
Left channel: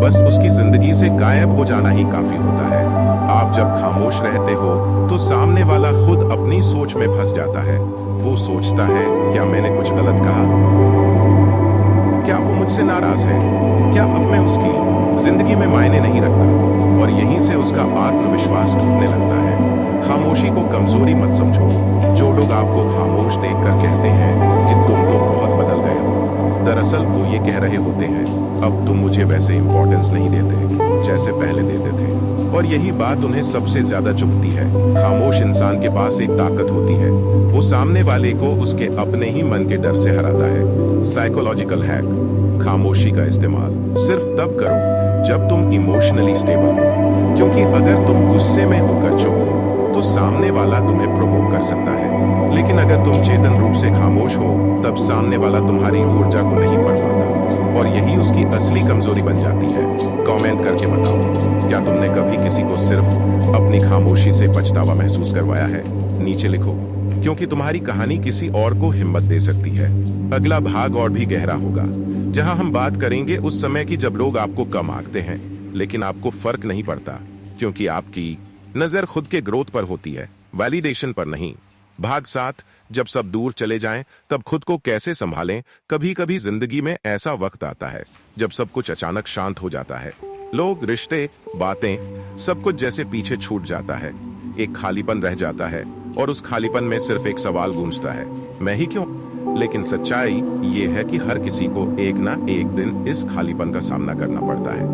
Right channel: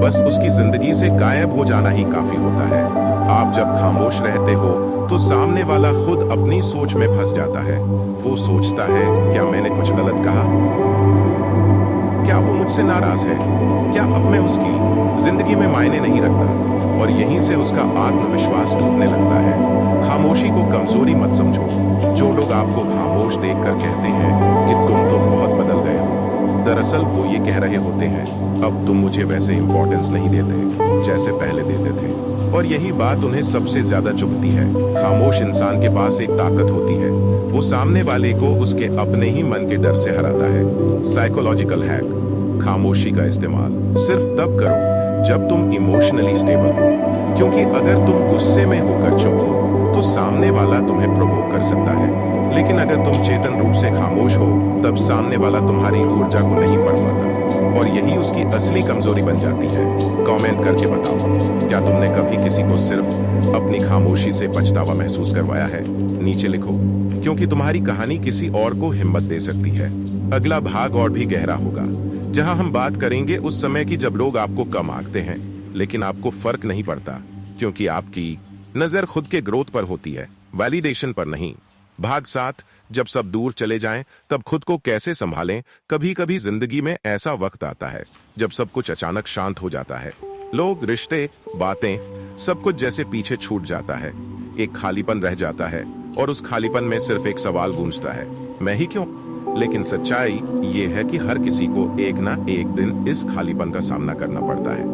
बस उसकी जिंदगी से गायब हो जाना ही काफी होता है। आप जब खामोश रहते हो तो सामने वाला खुद अपनी सोच में फंस जाता है। वो सोचता है, क्या मैंने कुछ गलत कहा? क्या वो मुझसे नाराज है? क्या अब मैं उसकी जिंदगी में मायने नहीं रखता? और यहीं से उसका आत्मविश्वास टूटने लगता है। खामोशी को कमजोरी मत समझो। जो लोग आपको खामोश देखकर कहते हैं कि तुम तो बहुत बदल गए हो, दरअसल वो ये कह रहे होते हैं, अब तुम मुझे वैसे इंपॉर्टेंस नहीं देते जैसे पहले देते थे। और यही बात उन्हें सबसे ज्यादा चुभती है। खामोश इंसान के पास एक ताकत होती है, वो सामने वाले को उसके अपने ही मन के डर से हराता है। साइकोलॉजिकल हैक: खामोशी का इस्तेमाल सिर्फ तब करो जब तुम इमोशनली स्टेबल हो, क्योंकि अगर तुम गुस्से में होकर चुप हो तो सामने वाला तुम्हें प्रोवोक कर सकता है, लेकिन अगर तुम चेतन रूप से खामोश हो तब सामने वाला तुम्हारी ऊर्जा को नहीं पढ़ पाता, और यही उसकी असली कमजोरी बन जाती है। कमेंट करके बताओ, क्या तुमने कभी किसी को सिर्फ अपनी खामोशी से पछतावा महसूस करवाया है? नीचे लिखो, क्योंकि तुम्हारी कहानी किसी और को हिम्मत दे सकती है। अगला भाग और भी गहरा होगा, जहां हम बात करेंगे उस समय की जब लोग आपको कम आंकते हैं, लेकिन आपको फर्क नहीं पड़ता, क्योंकि आपकी नजर खुद के ग्रोथ पर होती है, वैलिडेशन पर नहीं। भाग 7: जब सब दूर चले जाएं, तब खुद को कैसे संभालें। कभी कभी जिंदगी में ऐसा वक्त आता है जब सब कुछ अचानक शांत हो जाता है। लोग, रिश्ते, बातें, सब कुछ जैसे पीछे छूट जाता है। एक खालीपन रह जाता है, और उस खालीपन में सिर्फ एक सवाल गूंजता है, मैं ही क्यों? लेकिन सच्चाई ये है कि हर किसी को एक ना एक दिन इस खालीपन का सामना करना पड़ता है,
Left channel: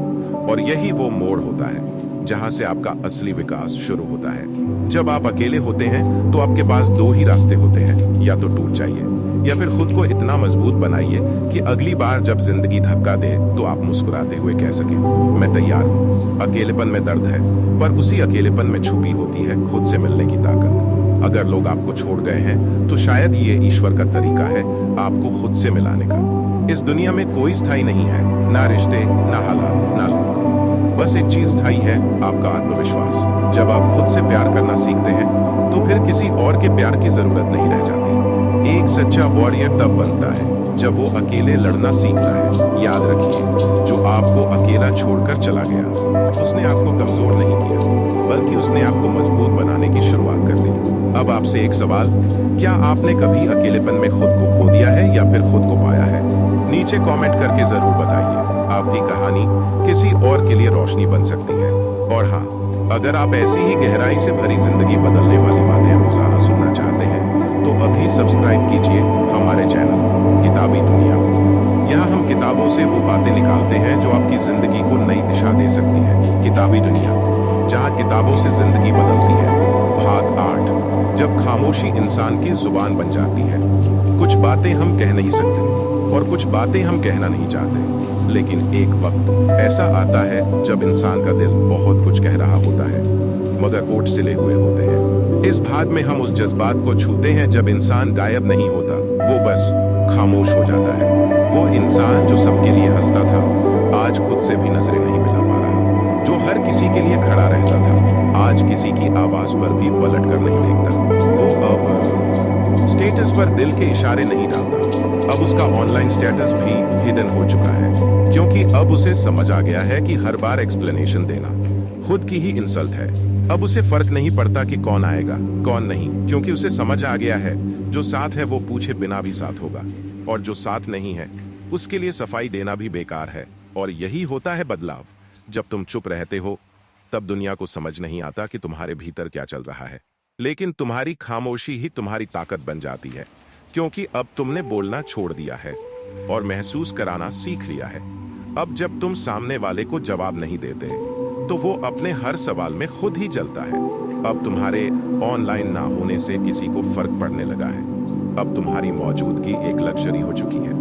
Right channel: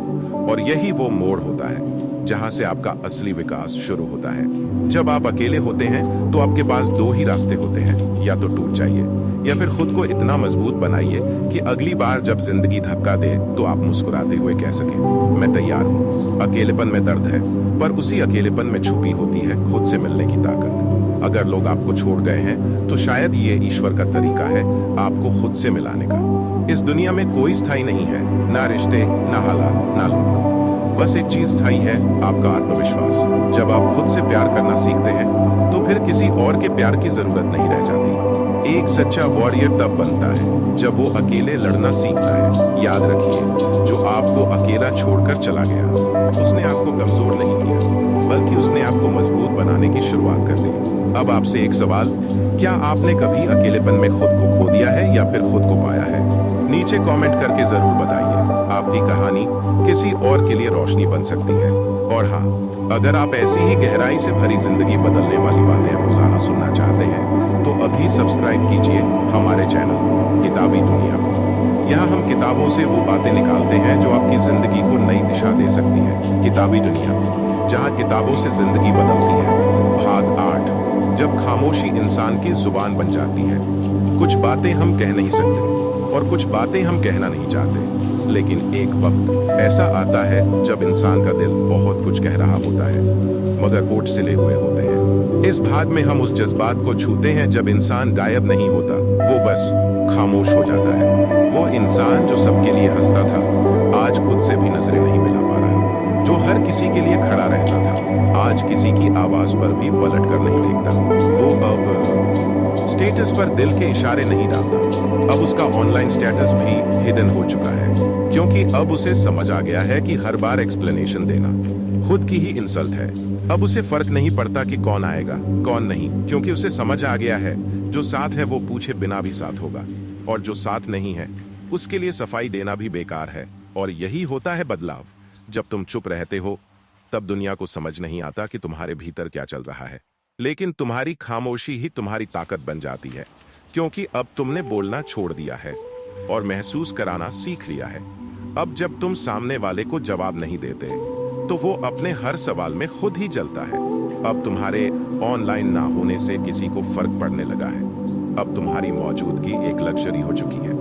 और यही वो मोड़ होता है जहां से आपका असली विकास शुरू होता है। जब आप अकेले होते हैं तो आपके पास दो ही रास्ते होते हैं, या तो टूट जाइए या फिर खुद को इतना मजबूत बनाइए कि अगली बार जब जिंदगी धक्का दे तो आप मुस्कुराते हुए कह सकें, मैं तैयार हूँ। अकेलेपन में दर्द है, पर उसी अकेलेपन में छुपी होती है खुद से मिलने की ताकत। अगर लोग आपको छोड़ गए हैं तो शायद ये ईश्वर का तरीका है आपको खुद से मिलाने का। इस दुनिया में कोई स्थायी नहीं है, ना रिश्ते, ना हालात, ना लोग। बस एक चीज स्थायी है, आपका आत्मविश्वास। जब आप खुद से प्यार करना सीखते हैं तो फिर किसी और के प्यार की जरूरत नहीं रह जाती। एक सच्चा वॉरियर तब बनता है जब वो अकेले लड़ना सीखता है। याद रखिए, जो आपको अकेला छोड़कर चला गया, उसने आपको कमजोर नहीं किया, बल्कि उसने आपको मजबूत बनाने की शुरुआत कर दी। अब आपसे एक सवाल, क्या आपने कभी अकेलेपन में खुद को खो दिया है या फिर खुद को पाया है? नीचे कमेंट करके जरूर बताइए। आपकी कहानी किसी और के लिए रोशनी बन सकती है। और हाँ, अगर आप ऐसी ही गहराई से भरी जिंदगी बदलने वाली बातें रोजाना सुनना चाहते हैं तो अभी सब्सक्राइब कीजिए हमारे चैनल किताबी दुनिया को। यहाँ हम किताबों से वो बातें निकालते हैं जो आपकी जिंदगी को नई दिशा दे सकती है। किताबी दुनिया, जहाँ किताबों से जिंदगी बदलती है। भाग 8: जब खामोशी इंसान की जुबान बन जाती है। कुछ बातें हम कह नहीं सकते और कुछ बातें हम कहना नहीं चाहते, लेकिन एक वक्त ऐसा आता है जब इंसान का दिल बहुत कुछ कह रहा होता है, मगर ओठ सिले हुए होते हैं। इस भाग में हम उस जज्बात को छूते हैं जब इंसान गायब नहीं होता, वो बस खामोश हो जाता है। वो इंसान जो सबके लिए हंसता था, आज खुद से भी नजरें नहीं मिला पा रहा। जो हर किसी के लिए खड़ा रहता था, आज किसी की आवाज पर भी पलट कर नहीं देखता। वो अब स्टेटस पर दिल के इशारे नहीं डालता। अब उसका ऑनलाइन स्टेटस भी हिडन हो चुका है, क्योंकि अब उसे समझ आ गया है कि हर बार एक्सप्लेनेशन देना खुद की ही इंसल्ट है। अब उसे फर्क नहीं पड़ता कि कौन आएगा कौन नहीं, क्योंकि उसे समझ आ गया है जो साथ है वो पूछे बिना भी साथ होगा, और जो साथ नहीं है उसके लिए सफाई देना भी बेकार है। और यही होता है बदलाव। जब तुम चुप रहते हो तब दुनिया को समझ नहीं आता कि तुम्हारे भीतर क्या चल रहा है, लेकिन तुम्हारी खामोशी ही तुम्हारी ताकत बन जाती है, क्योंकि अब तुमने बोलना छोड़ दिया है और महसूस कराना सीख लिया है। अब जब तुम सामने वाले को जवाब नहीं देते तो वो अपने हर सवाल में खुद ही जलता है। अब तुम्हारे ऑनलाइन ना होने से किसी को फर्क पड़ने लगा है। अब तुम्हारी मौजूदगी एक लग्जरी हो चुकी है।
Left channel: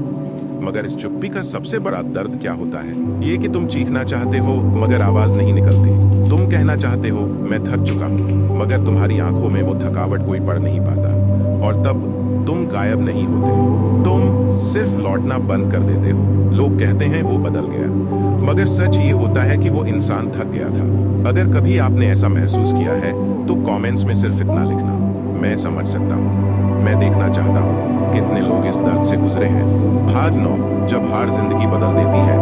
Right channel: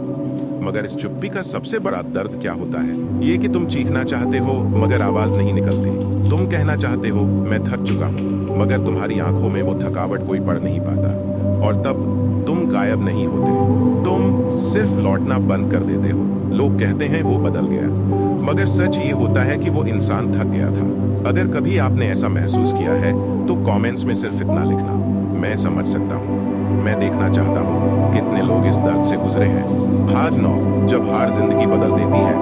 मगर इस चुप्पी का सबसे बड़ा दर्द क्या होता है? ये कि तुम चीखना चाहते हो मगर आवाज नहीं निकलती। तुम कहना चाहते हो मैं थक चुका हूँ, मगर तुम्हारी आंखों में वो थकावट कोई पढ़ नहीं पाता। और तब तुम गायब नहीं होते, तुम सिर्फ लौटना बंद कर देते हो। लोग कहते हैं वो बदल गया, मगर सच ये होता है कि वो इंसान थक गया था। अगर कभी आपने ऐसा महसूस किया है तो कमेंट्स में सिर्फ इतना लिखना, मैं समझ सकता हूँ। मैं देखना चाहता हूँ कितने लोग इस दर्द से गुजरे हैं। भाग 9, जब हार जिंदगी बदल देती है।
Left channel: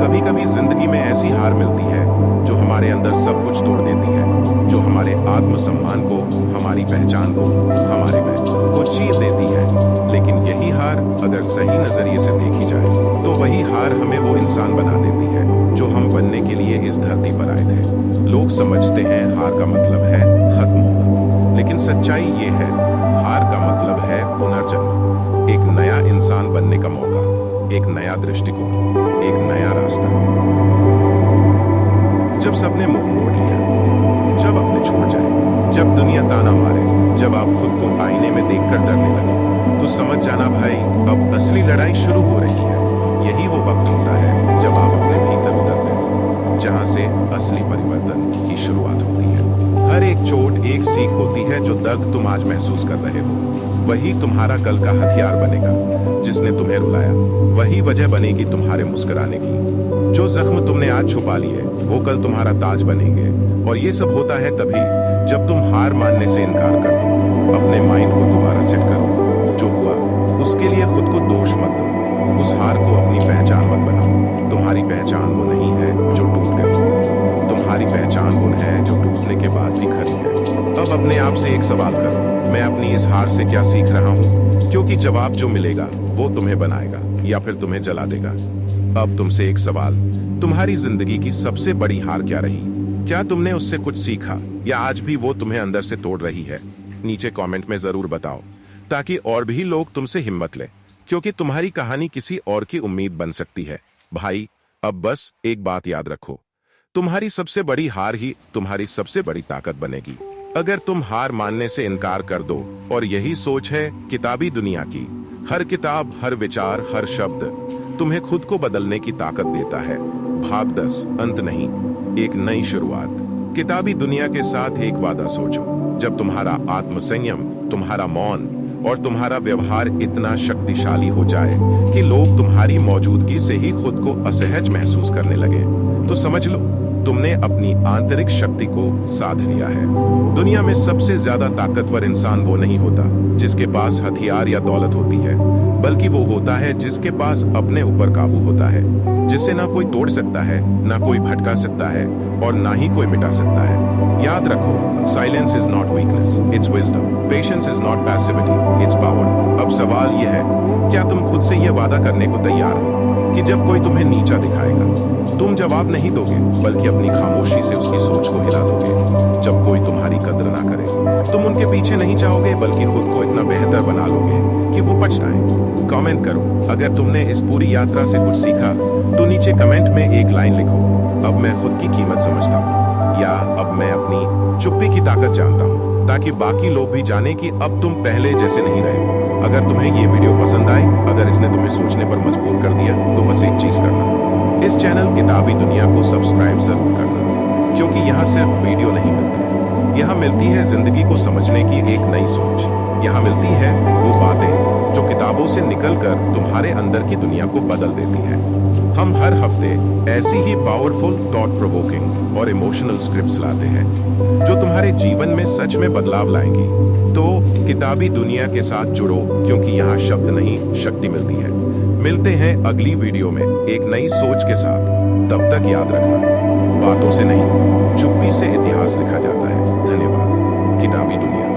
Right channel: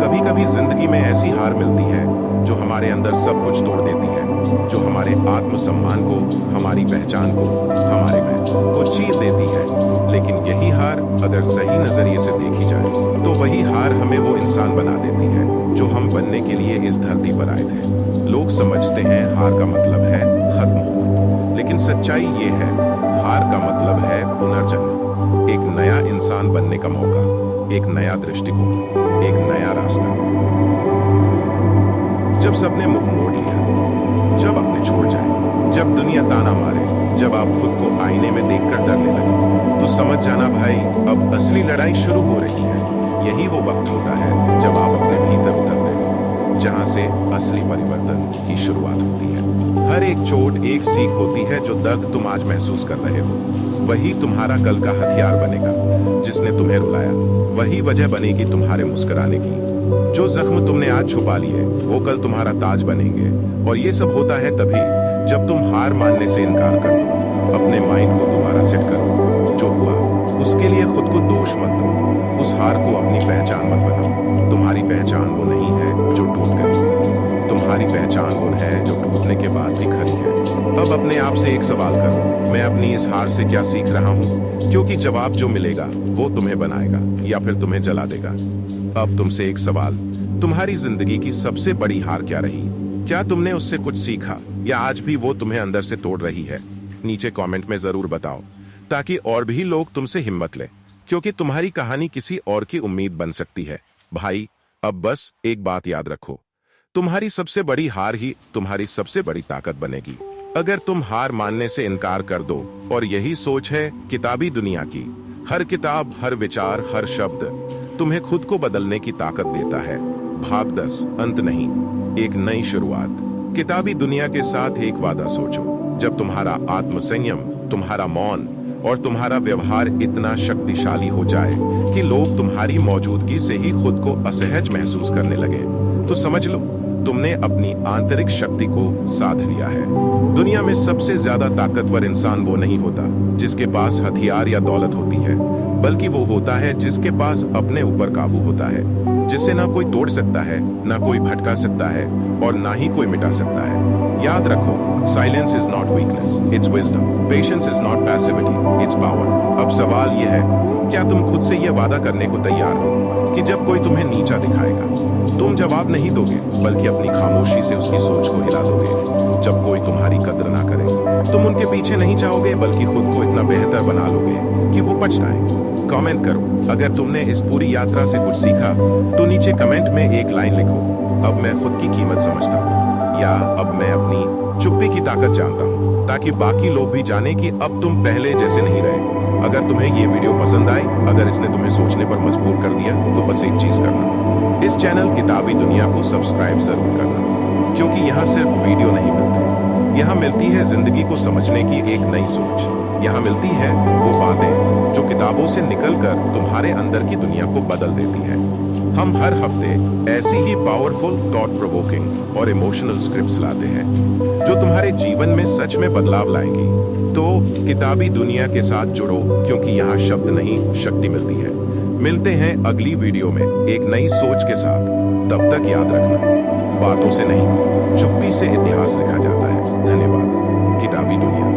कभी कभी जिंदगी में ऐसी हार मिलती है जो हमारे अंदर सब कुछ तोड़ देती है, जो हमारे आत्मसम्मान को, हमारी पहचान को, हमारे मैं को चीर देती है। लेकिन यही हार अगर सही नजरिए से देखी जाए तो वही हार हमें वो इंसान बना देती है जो हम बनने के लिए इस धरती पर आए थे। लोग समझते हैं हार का मतलब है खत्म होना, लेकिन सच्चाई ये है, हार का मतलब है पुनर्जन्म, एक नया इंसान बनने का मौका, एक नया दृष्टिकोण, एक नया रास्ता। जब सबने मुंह मोड़ लिया, जब अपने छोड़ जाए, जब दुनिया ताना मारे, जब आप खुद को आईने में देखकर डरने लगे, तो समझ जाना भाई, अब असली लड़ाई शुरू हो रही है। यही वो वक्त होता है जब आप अपने भीतर उतरते हो, जहां से असली परिवर्तन की शुरुआत होती है। हर एक चोट एक सीख होती है। जो दर्द तुम आज महसूस कर रहे हो वही तुम्हारा कल का हथियार बनेगा। जिसने तुम्हें रुलाया वही वजह बनेगी तुम्हारे मुस्कुराने की। जो जख्म तुमने आज छुपा लिए वो कल तुम्हारा ताज बनेंगे। और ये सब होता है तभी जब तुम हार मानने से इनकार कर दो, अपने माइंड को दोबारा सेट करो। जो हुआ उसके लिए खुद को दोष मत दो, उस हार को अपनी पहचान मत बनाओ। तुम्हारी पहचान वो नहीं है जो टूट गई, तुम्हारी पहचान वो है जो टूटने के बाद भी खड़ी है। अब अपने आप से एक सवाल करो, मैं अपनी इस हार से क्या सीख रहा हूँ? क्योंकि जवाब जो मिलेगा वो तुम्हें बनाएगा या फिर तुम्हें जला देगा। अब तुमसे एक सवाल, तुम्हारी जिंदगी की सबसे बड़ी हार क्या रही? क्या तुमने उससे कुछ सीखा या आज भी वो तुम्हें अंदर से तोड़ रही है? नीचे कमेंट में जरूर बताओ, ताकि और भी लोग तुमसे हिम्मत लें, क्योंकि तुम्हारी कहानी किसी और की उम्मीद बन सकती है। भाई, अब बस एक बात याद रखो, तुम्हारी सबसे बड़ी हार ही तुम्हारी सबसे बड़ी ताकत बनेगी। अगर तुम हार मानने से इनकार कर दो, और यही सोच है किताबी दुनिया की, हर किताब, हर विचार, हर शब्द तुम्हें खुद को बदलने की ताकत देता है। भाग 10, अंत नहीं, एक नई शुरुआत। किताबी दुनिया के साथ एक वादा सोचो, जब तुम्हारा आत्मसंयम, तुम्हारा मौन और तुम्हारा व्यवहार इतना शक्तिशाली हो जाए कि लोग तुम्हारी मौजूदगी से ही खुद को असहज महसूस करने लगे, तो समझ लो तुमने अपनी आंतरिक शक्ति को साध लिया है। दुनिया में सबसे ज्यादा ताकतवर इंसान वो नहीं होता जिसके पास हथियार या दौलत होती है, बल्कि वो होता है जिसके पास अपने ऊपर काबू होता है, जिसे ना कोई तोड़ सकता है, ना कोई भटका सकता है और ना ही कोई मिटा सकता है। याद रखो, silence is not weakness, it's wisdom. Patience is not passivity, it's power. अब सवाल यह है, क्या तुम खुद से यह वादा करने को तैयार हो कि जब कोई तुम्हें नीचा दिखाएगा, तुम जवाब नहीं दोगे, बल्कि अपनी खामोशी से उसकी सोच को हिला दोगे? जब कोई तुम्हारी कद्र ना करे, तुम उनके पीछे नहीं जाओगे, बल्कि खुद को इतना बेहतर बना लोगे कि वो पछताए। कमेंट करो, अगर तुमने इस पूरी यात्रा से कुछ सीखा तो नीचे कमेंट में एक लाइन लिखो, अब मैं खुद की कीमत समझता हूँ, या अब मैं अपनी चुप्पी की ताकत जानता हूँ, ताकि बाकी लोग भी जाने कि अब तुम पहले जैसे नहीं रहे। अगर तुम्हें ये वीडियो पसंद आई, अगर इसने तुम्हें सोचने पर मजबूर कर दिया, तो बस एक चीज करना, इस चैनल किताबी दुनिया को सब्सक्राइब जरूर करना, क्योंकि यहाँ सिर्फ वीडियो नहीं मिलते, यहाँ मिलती है जिंदगी को समझने की एक नई सोच। यहाँ मिलती है वो बातें जो किताबों से निकलकर तुम्हारे अंदर की दुनिया को बदल देती है। हम हर हफ्ते ऐसी ही पावरफुल, थॉट प्रोवोकिंग और इमोशनल स्क्रिप्ट्स लाते हैं जो तुम्हारे जीवन में सच में बदलाव लाएंगी। तो किताबी दुनिया के साथ जुड़ो, क्योंकि यहाँ शब्द नहीं, शक्ति मिलती है। मिलते हैं अगली वीडियो में एक नई सोच के साथ। तब तक याद रखना, बातों से नहीं, चुप्पी से इतिहास लिखा जाता है। धन्यवाद। किताबी दुनिया।